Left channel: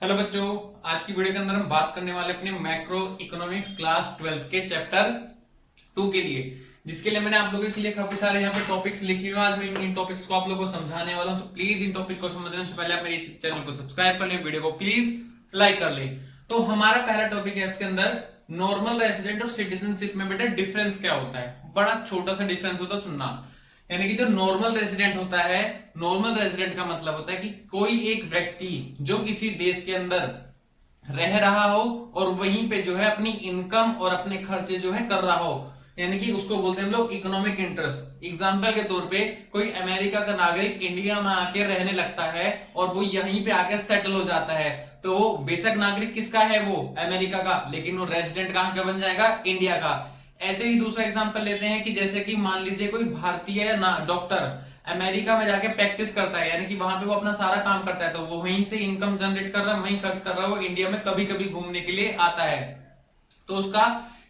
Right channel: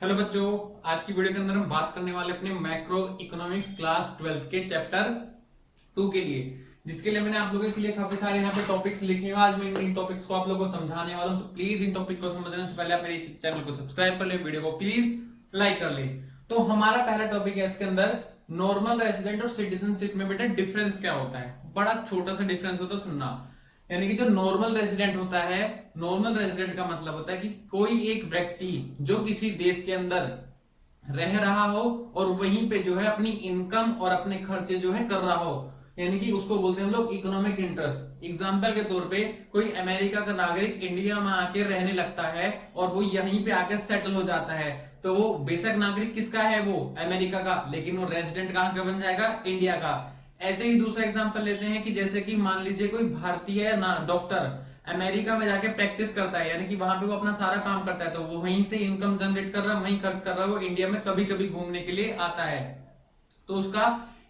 Hello बच्चों, आज की वीडियो के अंदर हम बात करने वाले अपने मैक्रो इकोनॉमिक्स क्लास 12th के चैप्टर 2 के लिए, जिसके लिए मैंने आप लोगों के लिए काफी सारे यहाँ पे टॉपिक्स लिखे हुए हैं। आज मैं इन टॉपिक्स को आप लोगों को समझाने वाला हूँ। तो प्लीज इन टॉपिक को समझने से पहले आप मेरे चैनल को सब्सक्राइब कर ले, वीडियो को प्लीज लाइक कर ले। तो हमारा पहला टॉपिक है इसके अंदर नॉर्मल रेसिडेंट और सिटीजनशिप में बेटा डिफरेंस क्या होता है। बड़ा छोटा सा डिफरेंस होता है, सुनना। यानी कि जो नॉर्मल रेजिडेंट होता है, नॉर्मल रेजिडेंट का मतलब होता है कि कोई एक व्यक्ति जो किसी देश के अंदर रह रहा हो और वहीं पे जो है अपनी इनकम और अपने खर्चे जो है कर रहा हो, यानी कि उसको बोलते हैं हम लोग इकोनॉमिक इंटरेस्ट। एग्जाम्पल के तौर पे कोई अमेरिका का नागरिक इंडिया में आके रहने लगता है और वो यहीं पे आके सेटल हो जाता है, तो वो बेशक नागरिक किसका है, वो अमेरिका का, लेकिन वो रेजिडेंट कहाँ का बन जाएगा, इंडिया का। ऐसे ही दूसरा एग्जांपल लेते हैं कि जैसे कि मान लीजिए कोई भारतीय डॉक्टर अमेरिका में जाके प्रैक्टिस करता है, यानी कि वहां पे वो अपना सारा काम करता है, तो वो वहीं से इनकम जनरेट कर रहा है, वहीं खर्च कर रहा है, वो इंडिया में कभी कभी घूमने के लिए आता है, तो उसका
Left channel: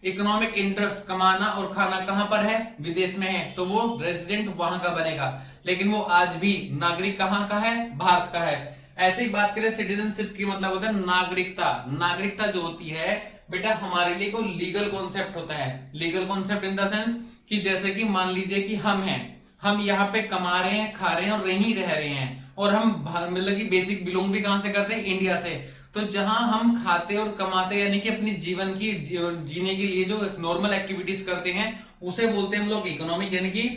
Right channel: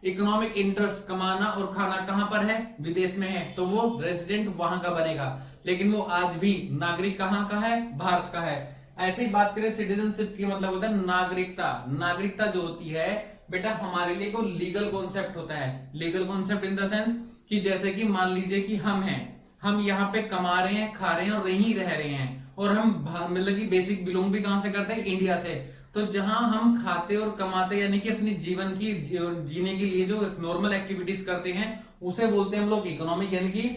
इकोनॉमिक इंटरेस्ट कमाना और खाना कहां पर है, विदेश में है, तो वो रेजिडेंट वहां का बनेगा। लेकिन वो आज भी नागरिक कहां का है, भारत का है। ऐसे ही बात करें सिटीजनशिप की, मतलब होता है नागरिकता। नागरिकता जो होती है बेटा हमारे लिए को लीगल कॉन्सेप्ट होता है। Legal concept in the sense कि जैसे कि मान लीजिए कि हम यहाँ पे कमा रहे हैं, खा रहे हैं और यहीं रह रहे हैं, और हम मतलब कि बेसिक बिलोंग भी कहां से करते हैं, इंडिया से। तो जहां हम खाते और कमाते यानी कि अपनी जीवन की जीने के लिए जो नॉर्मल एक्टिविटीज करते हैं उसे बोलते हैं हम लोग इकोनॉमिक, यानी कि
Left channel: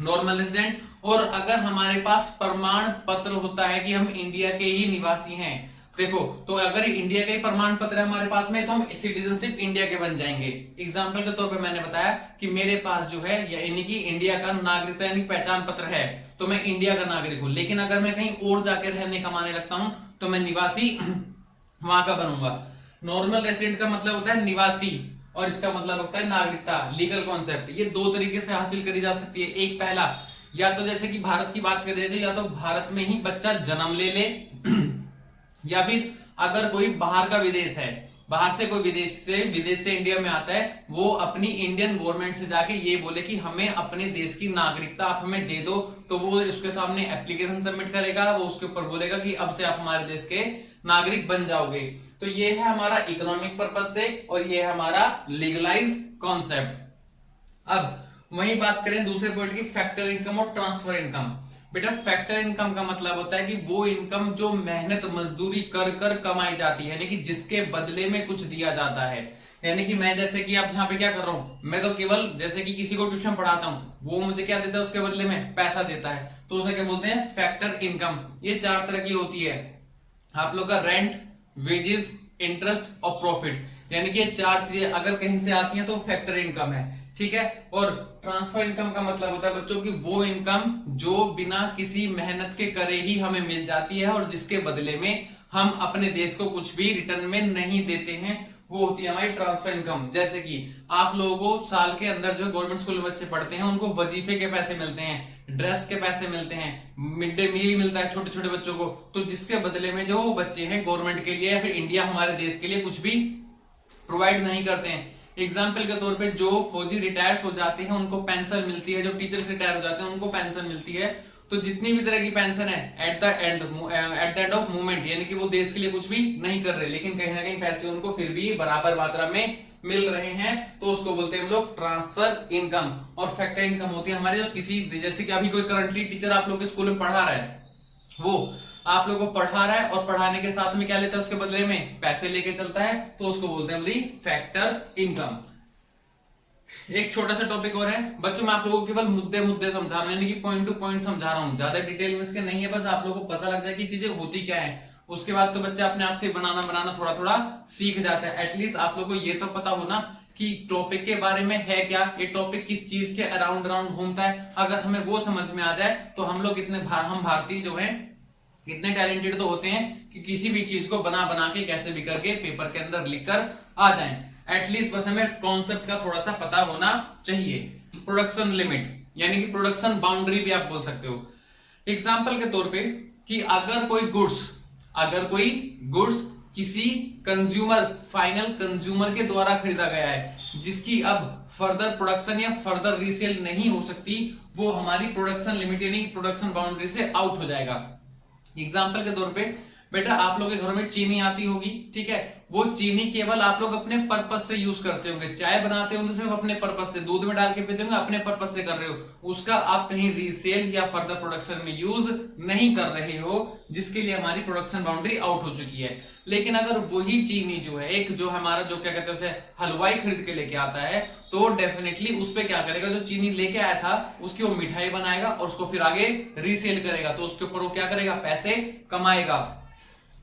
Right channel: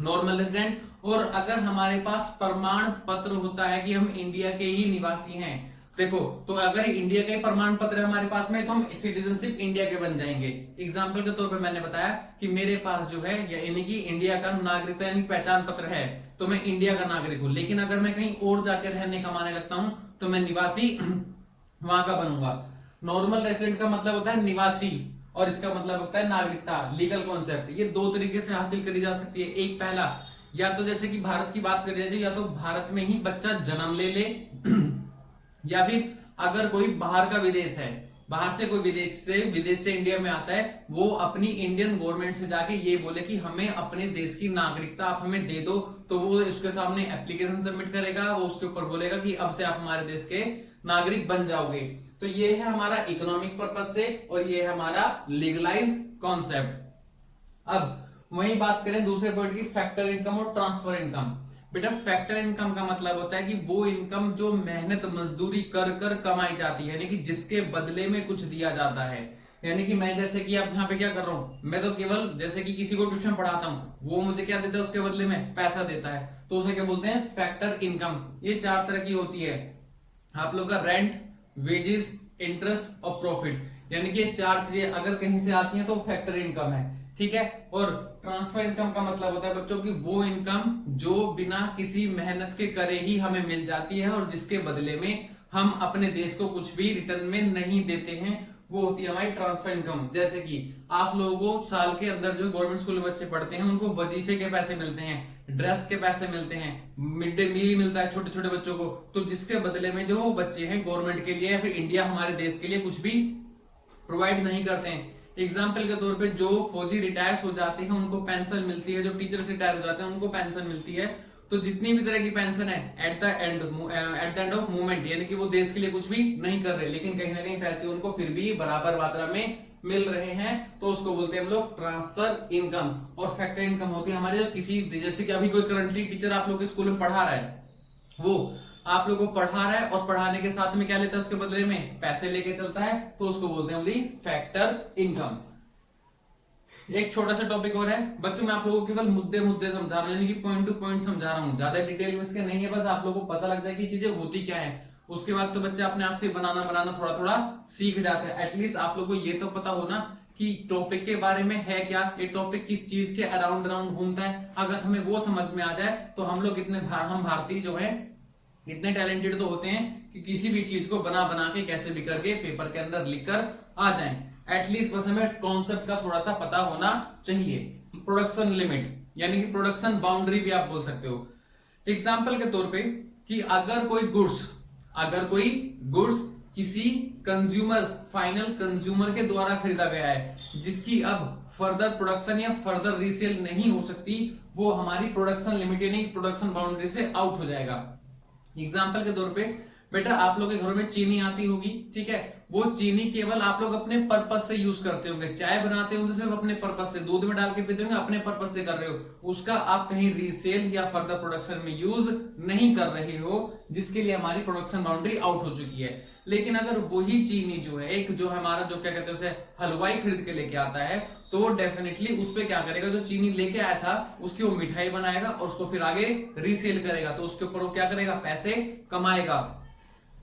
नॉर्मल रेजिडेंट। और अगर हमारे पास प्रमाण पत्र होता है कि हम इंडिया के ही निवासी हैं, देखो, तो अगर इंडिया का ही प्रमाण पत्र है हमारे पास में, तो हम सिटीजनशिप इंडिया के बन जाएंगे। एग्जाम्पल के तौर पे मैंने बताया कि मेरे पास जो है यानी कि इंडिया का नागरिकता यानी पहचान पत्र है, तो मैं इंडिया का नागरिक हूं। लेकिन अगर मैं कहीं और जाके रहने कमाने लगता हूं तो मैं निवासी वहां का बनूंगा। नॉर्मल रेसिडेंट का मतलब होता है निवासी, और इसका मतलब होता है नागरिकता, लीगल कॉन्सेप्ट। ये दो तरीके से हासिल करी जा सकती है। एक पहला, या तो जैसे कि भारत की बात करें जाए, या तो भारत में ही बच्चा जन्म ले ले या फिर अगर कोई बाहर का विदेश है, बाहर से कोई विदेश से इंडिया में आता है, वो अपनी इंडियन गवर्नमेंट से जाके ये बोले कि हमें अपने देश की नागरिकता आप हमें दे दो, तो वो उसके सामने एप्लीकेशन सबमिट करेगा, वो उसके ऊपर बोलेगा कि अब से आप हमारे देश के नागरिक बन जाओगे। तो ये है हमारा इकोनॉमिक पर्पज से, और ये है हमारा लीगलाइज कॉन्सेप्ट। अब वही बात करें दूसरे पॉइंट की, फैक्टर इनकम और ट्रांसफर इनकम। बेटा फैक्टर इनकम का मतलब होता है कि वो इनकम जो मेहनत मजदूरी कर कर कमाई जाती है, यानी कि जिसके बदले में कुछ दिया जाता है। यानी कि मैं जैसे कि अब यहाँ पे क्या कर रहा हूँ, मैं तो केवल जैसे कि किसी को ट्यूशन पढ़ाता हूँ, वो मुझे क्या देता है, उसके बदले में पैसा देता है, तो उसे क्या बोलते हैं, फैक्टर इनकम। ये चार तरह की होती है आप लोग का, रेंट, वेजेस, इंटरेस्ट और प्रॉफिट। यानी कि ये चार चीजें अगर कहीं से आती हैं तो फैक्टर इनकम है, ठीक है। और ट्रांसफर इनकम का मतलब होता है बच्चों की वो इनकम जो बिना किसी मेहनत के करे ही हमें मिल जाती है और जिसके बदले में हम अपने देश को कुछ भी रिटर्न में नहीं देते हैं, वो होती है हमारी ट्रांसफर इनकम। जैसे कि आप लोगों को साल के अंदर जो गवर्नमेंट स्कूल में बच्चे पढ़ते हैं उनको वजीफे के पैसे मिलते हैं, ड्रेस के पैसे मिलते हैं, मिड डे मील मिलता है छोटे छोटे बच्चों को, तो जिसके बदले में जो बच्चे हैं गवर्नमेंट के लिए या फिर इंडिया हमारे देश के लिए कुछ भी प्रोवाइड नहीं करते हैं। एग्जाम्पल के तौर पे जो फौजी रिटायर्स हो जाते हैं उनको पेंशन मिलती है, जो टीचर्स रिटायर हो जाते हैं उनको पेंशन मिलती है। तो जितनी भी तरह की पेंशन है at the end of movement, यानी कि वो देश के लिए कुछ भी नहीं कर रहे, लेकिन कहीं ना कहीं पैसे उनको फिर भी बराबर मात्रा में मिल रहे हैं, तो उसको बोलते हैं हम लोग ट्रांसफर इनकम। और फैक्टर इनकम होती है हमारे जो किसी, जैसे कि अभी कोई करंटली टीचर आप लोग के स्कूल में पढ़ा रहा है, वो आप लोगों को पढ़ा रहा है और पढ़ाने के साथ में क्या लेता है, उसके बदले में पैसे लेके चलता है, तो उसको बोलते हैं फैक्टर इनकम। एक छोटा सा टॉपिक और है बच्चों, मैं आप लोगों को केवल मुद्दे मुद्दे समझा रहा हूँ, यानी कि पॉइंट टू पॉइंट समझा रहा हूँ, ज्यादा डिटेल में इसके नहीं है, बस आप लोगों को पता लग जाए कि चीजें होती क्या है। उसके बाद तो बच्चा अपने आप से बनाना थोड़ा थोड़ा सीख जाता है। एटलीस्ट आप लोगों को ये तो पता होना कि टॉपिक के बारे में है क्या, ये टॉपिक किस चीज के अराउंड घूमता है। अगर हमें वो समझ में आ जाए तो हम लोग हम भारतीय जो है इतने टैलेंटेड तो होते हैं कि किसी भी चीज को बना बना के कैसे भी करके पेपर के अंदर लिखकर आ जाएं। एटलीस्ट बस हमें कॉन्सेप्ट का थोड़ा सा पता होना चाहिए। प्रोडक्शन लिमिट यानी कि प्रोडक्शन बाउंड्री भी आप बोल सकते हो। एग्जाम्पल के तौर पे कि अगर कोई गुड्स किसी कंज्यूमर, फाइनल कंज्यूमर के द्वारा खरीदा गया है जिसकी अब फर्दर प्रोडक्शन या फर्दर रीसेल नहीं हो सकती, वो हमारी प्रोडक्शन लिमिट यानी प्रोडक्शन बाउंड्री से आउट हो जाएगा। एग्जाम्पल के तौर पे बेटा आप लोग के घरों में चीनी आती होगी, ठीक है, वो चीनी केवल आप लोग अपने पर्पस से यूज करते होंगे, चाय बनाते होंगे सिर्फ अपने पर्पस से, दूध में डाल के पीते होंगे अपने पर्पस से कर रहे हो, उसका आप कहीं रीसेल या फर्दर प्रोडक्शन में यूज नहीं कर रहे हो, जिसके लिए हमारी प्रोडक्शन बाउंड्री आउट हो चुकी है। लेकिन अगर वही चीनी जो है, एक जो हमारा जो क्या कहते हैं उसे हलवाई खरीद के लेके आता है, तो वो डेफिनेटली उस पे क्या करेगा, जो चीनी लेके आया था उसकी वो मिठाई बनाएगा और उसको फिर आगे रीसेल करेगा, तो उसके ऊपर वो क्या करेगा, पैसे कमाएगा।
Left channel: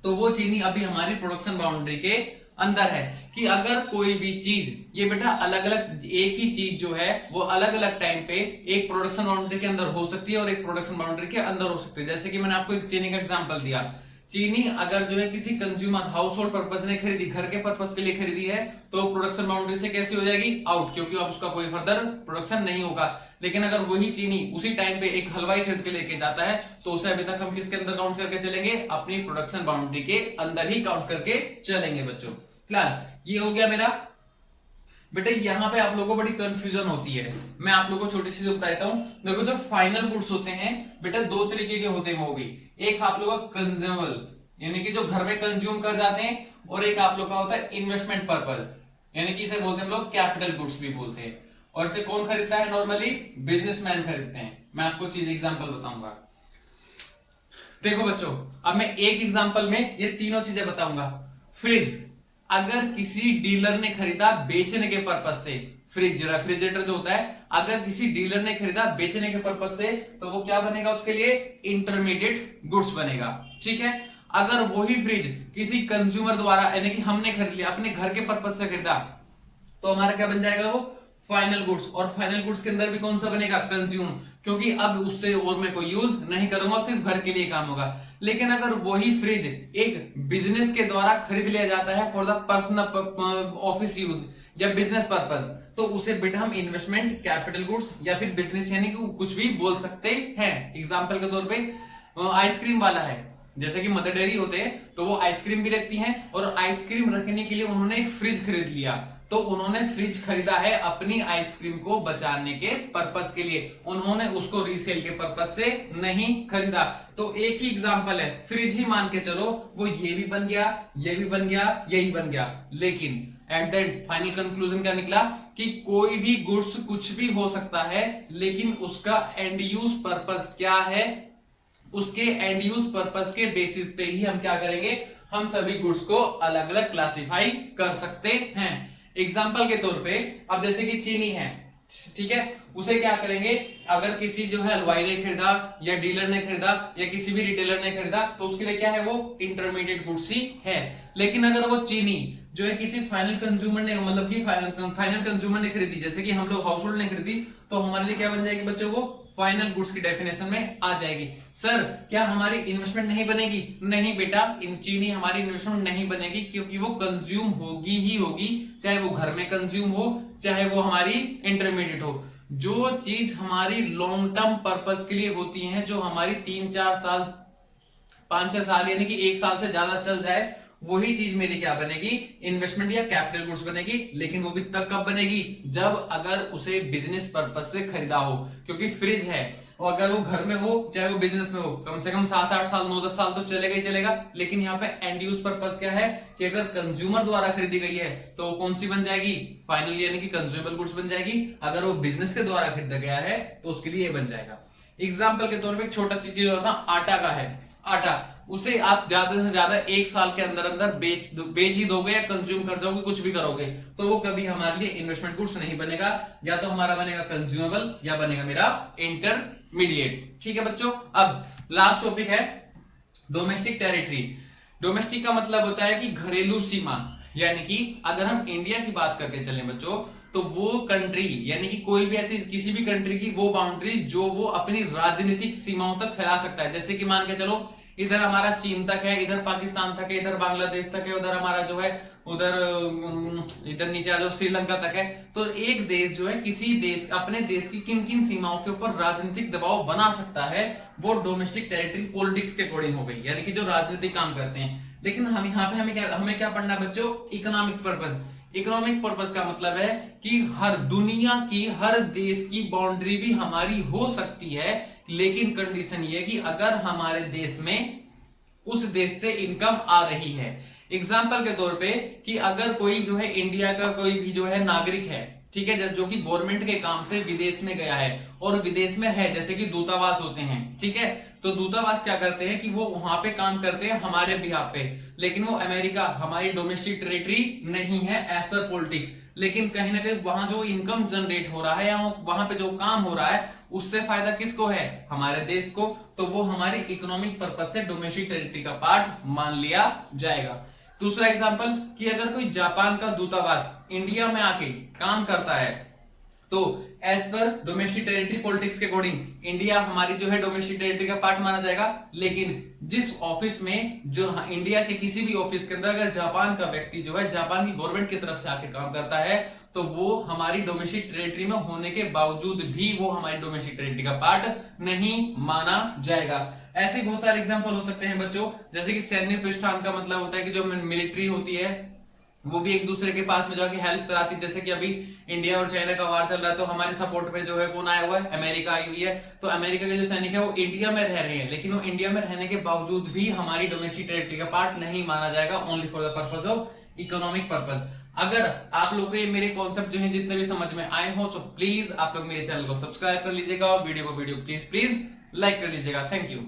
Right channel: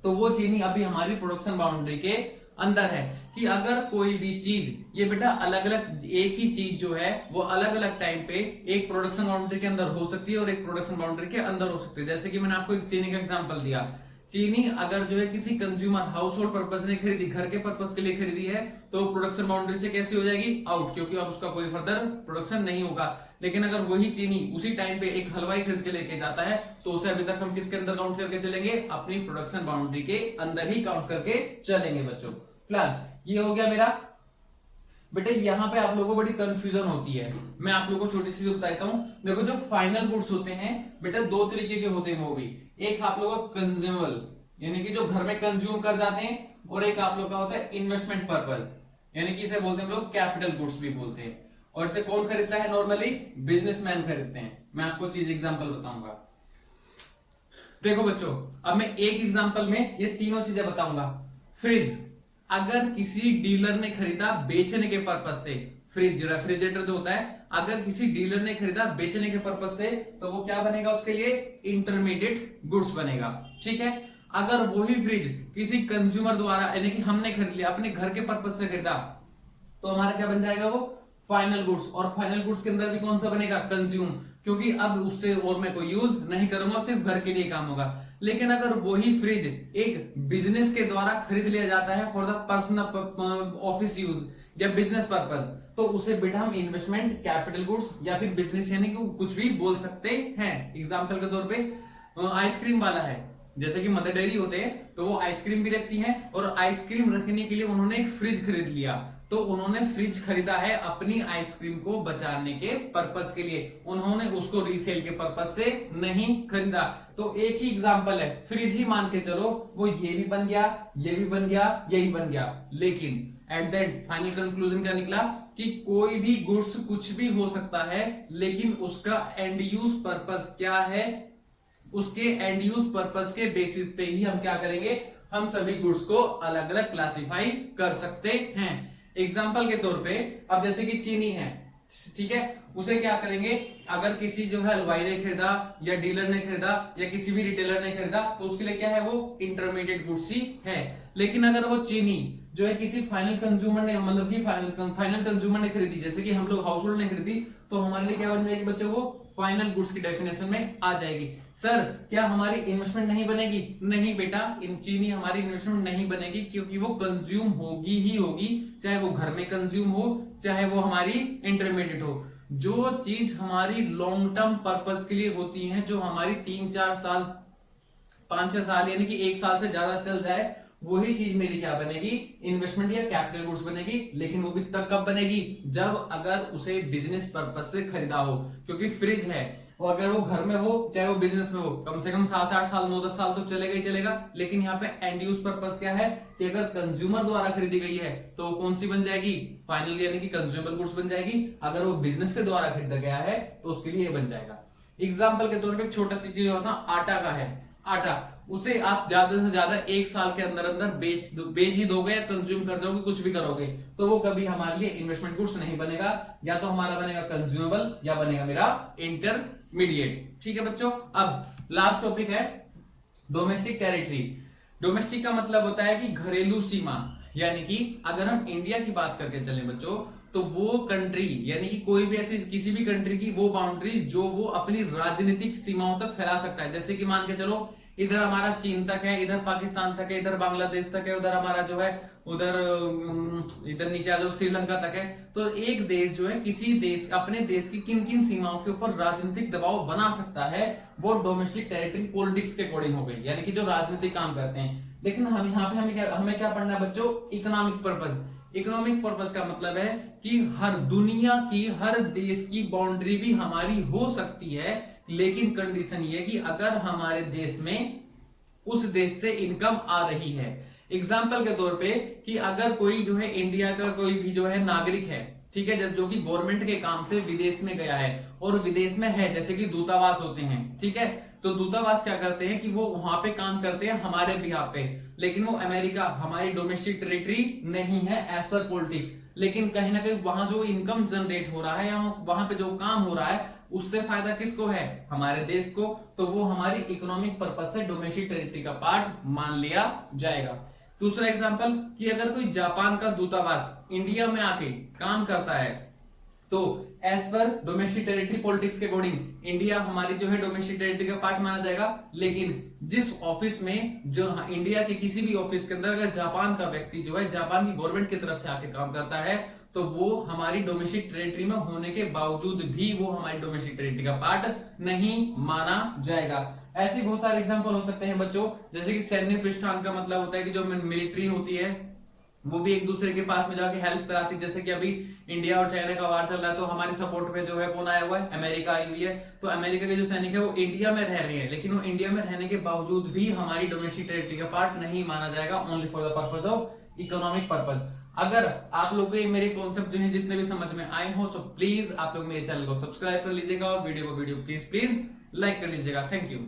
तो वो चीनी अभी हमारी प्रोडक्शन बाउंड्री के अंदर है कि अगर कोई भी चीज, ये बेटा अलग अलग, एक ही चीज जो है वो अलग अलग टाइम पे एक प्रोडक्शन बाउंड्री के अंदर हो सकती है और एक प्रोडक्शन बाउंड्री के अंदर हो सकती है। जैसे कि मैंने आपको एक चीनी का एग्जांपल दिया, चीनी अगर जो है किसी कंज्यूमर हाउस होल्ड पर्पज ने खरीदी, घर के पर्पज के लिए खरीदी है, तो प्रोडक्शन बाउंड्री से कैसी हो जाएगी, आउट, क्योंकि अब उसका कोई फर्दर प्रोडक्शन नहीं होगा। लेकिन अगर वही चीनी उसी टाइम पे एक हलवाई खरीद के लेके जाता है, तो उसे अभी तक हम किसके अंदर काउंट करके चलेंगे, अपनी प्रोडक्शन बाउंड्री के अंदर ही काउंट करके चलेंगे बच्चों। फिलहाल ये हो गया मेरा। बेटा यहाँ पे आप लोगों को बड़ी कंफ्यूजन होती है, मैं आप लोगों को छोटी सी बताता हूँ। देखो जो फाइनल गुड्स होते हैं बेटा दो तरीके के होते हैं, वो भी एक आप लोगों का कंज्यूमबल यानी कि जो घर में कंज्यूम कर जाते हैं, और एक आप लोग का होता है इन्वेस्टमेंट पर्पज, यानी कि इसे बोलते हैं हम लोग कैपिटल गुड्स भी बोलते हैं। और इसे कौन खरीदता है, नॉर्मली बिजनेसमैन खरीदते हैं। मैं आपको चीज एग्जांपल बताऊंगा। देखो बच्चों, अब मैं एक एग्जांपल में ये तीनों चीजें बताऊंगा। फ्रिज, अगर किसी डीलर ने खरीदा बेचने के पर्पज से, फ्रिज रेफ्रिजरेटर जो होता है, अगर किसी डीलर ने खरीदा बेचने के पर्पज से, तो वो क्या बनेगा, उसके लिए इंटरमीडिएट गुड्स बनेगा, ठीक है। अगर वही फ्रिज किसी कंज्यूमर द्वारा यानी कि हमने खरीद लिया अपने घर के पर्पज से खरीदा, तो हमारा क्या बन जाएगा, वो फाइनल गुड्स। और फाइनल गुड्स के अंदर भी कौन सा बनेगा, कंज्यूम, क्योंकि अब उससे और मैं कोई यूज नहीं करूंगा, सिर्फ घर के लिए काम होगा। लेकिन अगर वही फ्रिज एक बिजनेस के द्वारा खरीद लिया जाता है for the personal office use या बिजनेस पर्पज, तो उसे बेटा हम इन्वेस्टमेंट कैपिटल गुड्स या फिर बिजनेस यानी कि कुछ भी बोल सकते हैं। एग्जाम्पल के तौर पर आइसक्रीम वाला है, जैसे कि मदर डेयरी होते हैं, तो वो आइसक्रीम भी रखती हैं, और आइसक्रीम रखने के लिए उन्होंने एक फ्रिज खरीद लिया, तो उन्होंने फ्रिज खरीदा है अपनी आइसक्रीम को बचाने के पर्पस के लिए, उन्होंने उसको रीसेल के पर्पस से नहीं खरीदा। तो एक ही एग्जांपल है, फ्रिज ही मान के चलो, वो ये भी बन गया, ये भी बन गया, यही बन गया। लेकिन at the end final conclusion क्या निकला कि कोई भी गुड्स कुछ भी हो सकता है, लेकिन उसका एंड यूज पर्पस क्या है, उसके एंड यूज पर्पस के बेसिस पे ही हम क्या करेंगे, हम सभी गुड्स को अलग अलग क्लासिफाई कर सकते हैं। एग्जाम्पल के तौर पे अब जैसे कि चीनी है, ठीक है, उसे क्या करेंगे, अगर किसी जो है हलवाई ने खरीदा या डीलर ने खरीदा या किसी भी रिटेलर ने खरीदा, तो उसके लिए क्या है, वो इंटरमीडिएट गुड्स ही है। लेकिन अगर वो चीनी जो है किसी फाइनल कंज्यूमर ने, मतलब कि फाइनल कंज्यूमर ने खरीदी, जैसे कि हम लोग हाउस होल्ड ने खरीदी, तो हमारे लिए क्या बन जाएगी बच्चों, वो फाइनल गुड्स की डेफिनेशन में आ जाएगी। सर क्या हमारी इन्वेस्टमेंट नहीं बनेगी, नहीं बेटा, इन चीनी हमारी इन्वेस्टमेंट नहीं बनेगी, क्योंकि वो कंज्यूम होगी ही होगी, चाहे वो घर में कंज्यूम हो, चाहे वो हमारी इंटरमीडिएट हो। जो चीज हमारी लॉन्ग टर्म पर्पस के लिए होती है, जो हमारी 3-4 साल 5-6 साल यानी कि 1 साल से ज्यादा चल जाए, वही चीज मेरी क्या बनेगी, इन्वेस्टमेंट या कैपिटल गुड्स बनेगी। लेकिन वो भी तब कब बनेगी, जब अगर उसे बिजनेस पर्पस से खरीदा हो, क्योंकि फ्रिज है और अगर वो घर में हो चाहे वो बिजनेस में हो, कम से कम 7-8 साल 9-10 साल तो चलेगा ही चलेगा। लेकिन यहाँ पे एंड यूज पर्पस क्या है कि अगर कंज्यूमर द्वारा खरीदी गई है, तो वो कौन सी बन जाएगी, फाइनल यानी कि कंज्यूमेबल गुड्स बन जाएगी। अगर वो बिजनेस के द्वारा खरीदा गया है, तो उसके लिए ये बन जाएगा। एग्जाम्पल के तौर पर एक छोटा सी चीज होता है, आटा का है, आटा उसे आप ज्यादा से ज्यादा 1 साल के अंदर अंदर बेच ही दोगे या कंज्यूम कर दोगे, कुछ भी करोगे, तो वो कभी हमारे लिए इन्वेस्टमेंट गुड्स नहीं बनेगा, या तो हमारा बनेगा कंज्यूमेबल या बनेगा मेरा इंटरमीडिएट। ठीक है बच्चों, अब लास्ट टॉपिक है डोमेस्टिक टेरिटरी। डोमेस्टिक का मतलब होता है कि घरेलू सीमा, यानी कि अगर हम इंडिया की बात करके चलें बच्चों, तो वो कंट्री यानी कि कोई भी ऐसी किसी भी कंट्री की वो बाउंड्रीज जो वो अपनी राजनीतिक सीमाओं तक फैला सकता है। जैसे कि मान के चलो इधर हमारा चीन तक है, इधर पाकिस्तान तक है, इधर बांग्लादेश तक है, उधर हमारा जो है उधर इधर नीचे आ जाओ श्रीलंका तक है। तो एक देश जो है किसी देश अपने देश की किन किन सीमाओं के ऊपर राजनीतिक दबाव बना सकता है, वो डोमेस्टिक टेरिटरी पॉलिटिक्स के अकॉर्डिंग हो गई, यानी कि जो राजनीतिक काम करते हैं। लेकिन हम यहाँ पे हमें क्या पढ़ना है बच्चों, इकोनॉमिक पर्पस। इकोनॉमिक पर्पस का मतलब है कि हर दुनिया की हर देश की बाउंड्री भी हमारी हो सकती है, लेकिन कंडीशन ये है कि अगर हमारे देश में उस देश से इनकम आ रही है। एग्जाम्पल के तौर पे कि अगर कोई जो है इंडिया का कोई भी जो है नागरिक है, ठीक है, जो कि गवर्नमेंट के काम से विदेश में गया है और विदेश में है, जैसे कि दूतावास होते हैं, ठीक है, तो दूतावास क्या करते हैं कि वो वहां पे काम करते हैं हमारे बिहाफ पे, लेकिन वो अमेरिका हमारी डोमेस्टिक टेरिटरी नहीं है एज पर पॉलिटिक्स, लेकिन कहीं ना कहीं वहां जो इनकम जनरेट हो रहा है या वहां पे जो काम हो रहा है उससे फायदा किसको है, हमारे देश को, तो वो हमारी इकोनॉमिक पर्पज से डोमेस्टिक टेरिटरी का पार्ट मान लिया जाएगा। दूसरा एग्जांपल कि अगर कोई जापान का दूतावास इंडिया में आके काम करता है तो as per domestic territory politics के अकॉर्डिंग इंडिया हमारी जो है डोमेस्टिक टेरिटरी का पार्ट माना जाएगा, लेकिन जिस ऑफिस में जो इंडिया के किसी भी ऑफिस के अंदर अगर जापान का व्यक्ति जो है जापान की गवर्नमेंट की तरफ से आके काम करता है तो वो हमारी डोमेस्टिक टेरिटरी में होने के बावजूद भी वो हमारी डोमेस्टिक टेरिटरी का पार्ट नहीं माना जाएगा। ऐसे बहुत सारे एग्जांपल हो सकते हैं बच्चों, जैसे कि सैन्य प्रस्थान का मतलब होता है कि जो मिलिट्री होती है वो भी एक दूसरे के पास में जाके हेल्प कराती है, जैसे कि अभी इंडिया और चाइना का वार चल रहा है तो हमारे सपोर्ट में जो है कौन आया हुआ है, अमेरिका आई हुई है, तो अमेरिका के जो सैनिक है वो इंडिया में रह रहे हैं, लेकिन वो इंडिया में रहने के बावजूद भी हमारी डोमेस्टिक टेरिटरी का पार्ट नहीं माना जाएगा, only for the purpose of economic purpose. अगर आप लोगों को ये मेरे कॉन्सेप्ट जो है जितने भी समझ में आए हो, तो प्लीज आप लोग मेरे चैनल को सब्सक्राइब कर लीजिएगा और वीडियो को प्लीज लाइक कर लीजिएगा। Thank you.